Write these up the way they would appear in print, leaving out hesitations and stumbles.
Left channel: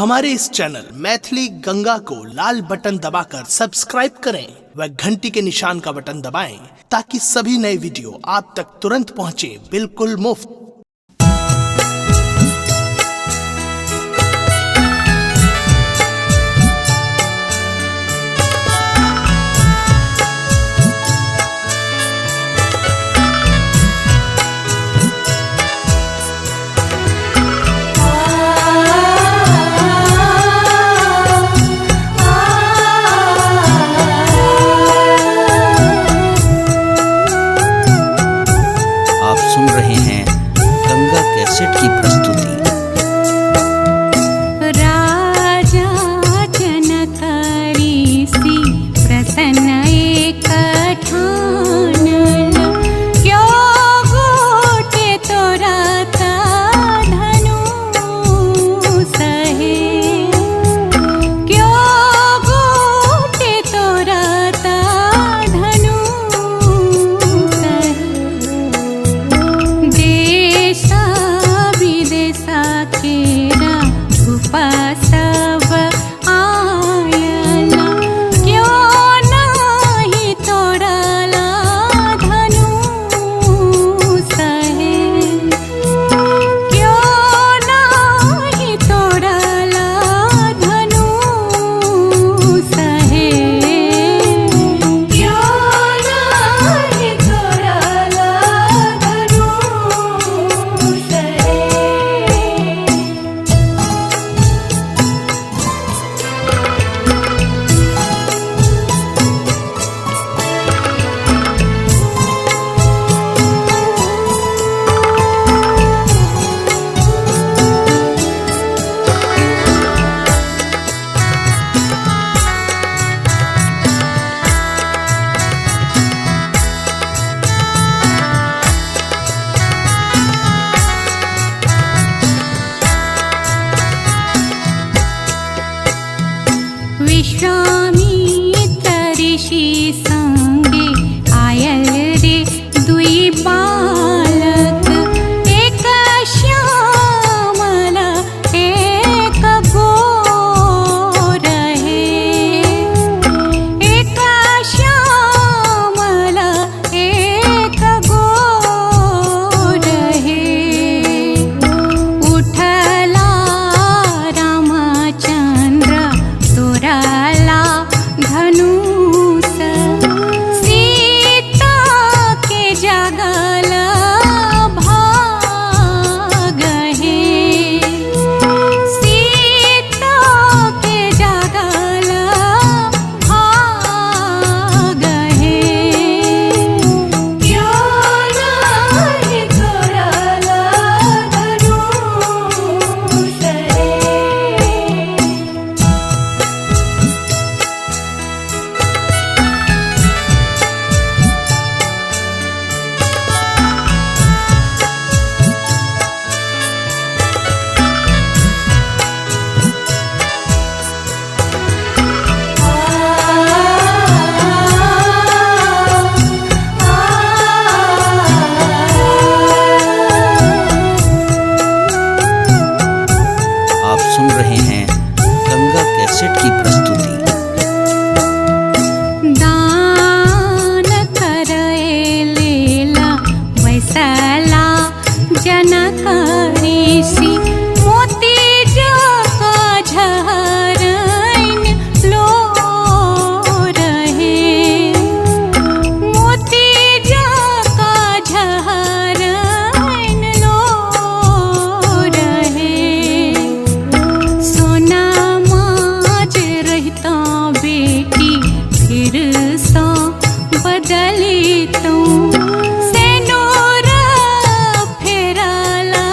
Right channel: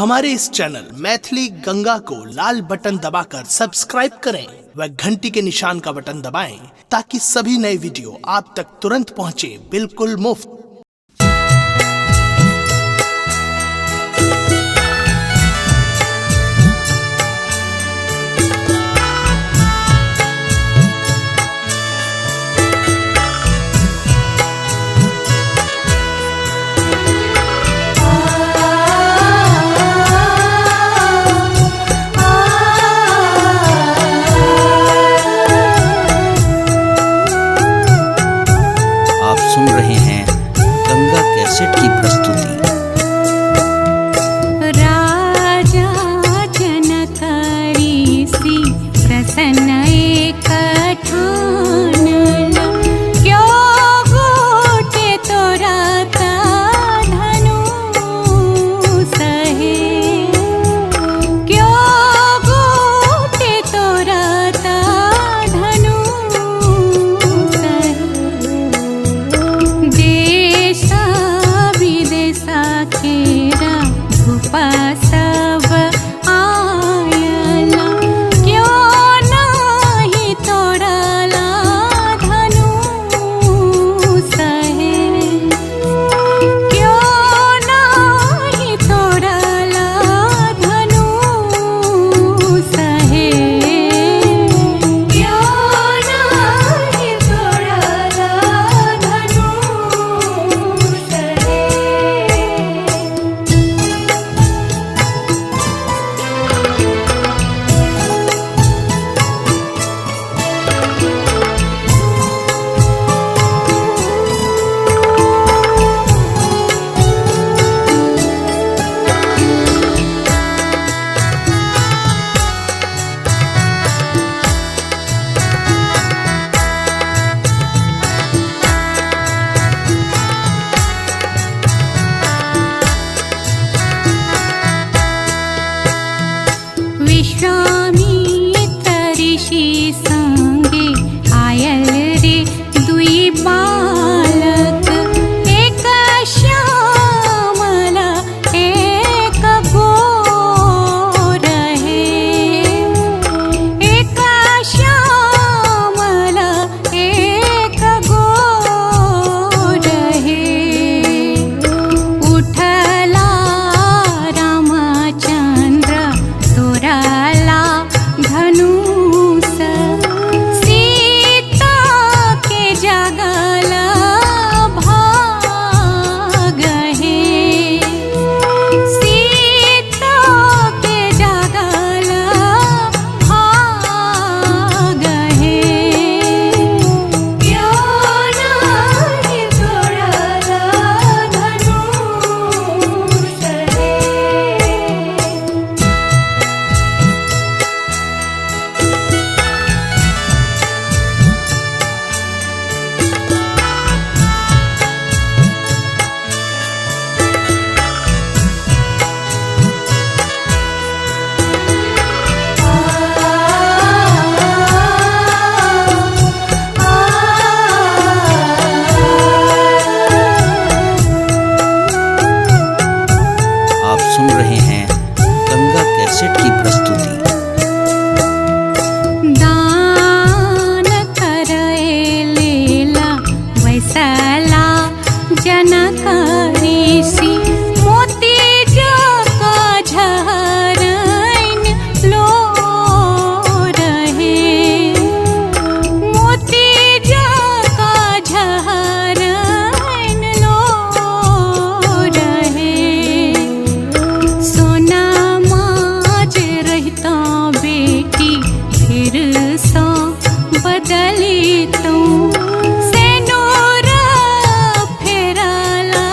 हमारे इस चैनल मैथिली गंगा को लाल बटन दबाकर सब्सक्राइब करें व घंटी के निशान का बटन दबाएं ताकि सभी नए वीडियो आप तक तुरंत पहुंचे बिल्कुल मुफ्त। आप सुन रहे हैं गंगा कैसेट की प्रस्तुति। राजा जनक ऋषि प्रसन्न एक ठानल, क्यों गोटे तोरा धनु सहे, क्यों गोटे तोरा धनु सहे। देशा विदेशा केरा भूपा सब आयला, क्यों नाही तोड़ला धनु सहे, क्यों नाही तोड़ला धनु सहे, क्यों नाही तोड़ला धनु सहे। विश्वामित्र ऋषि संगे आयल रे दुई बालक, एक श्यामला एक गोर है, एक श्यामला एक गोर है। उठला रामचंद्र तोराला धनुष, सीता के जगल भाग है, सीता के जगल भाग है। क्यों नाही तोड़ला धनुष सहे। आप सुन रहे हैं गंगा कैसेट की प्रस्तुति। दान करे लेला वैसला जनक ऋषि, मोती जका झरैन लो रहे, मोती जका झरैन लो रहे। सोना माज रहता बेटी फिर सा बदली तू, सेनोर फेरला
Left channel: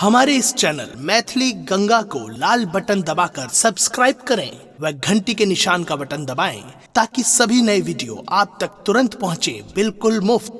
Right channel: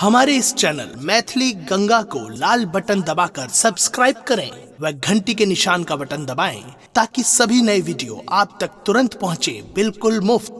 हमारे इस चैनल मैथिली गंगा को लाल बटन दबाकर सब्सक्राइब करें व घंटी के निशान का बटन दबाएं ताकि सभी नए वीडियो आप तक तुरंत पहुंचे बिल्कुल मुफ्त।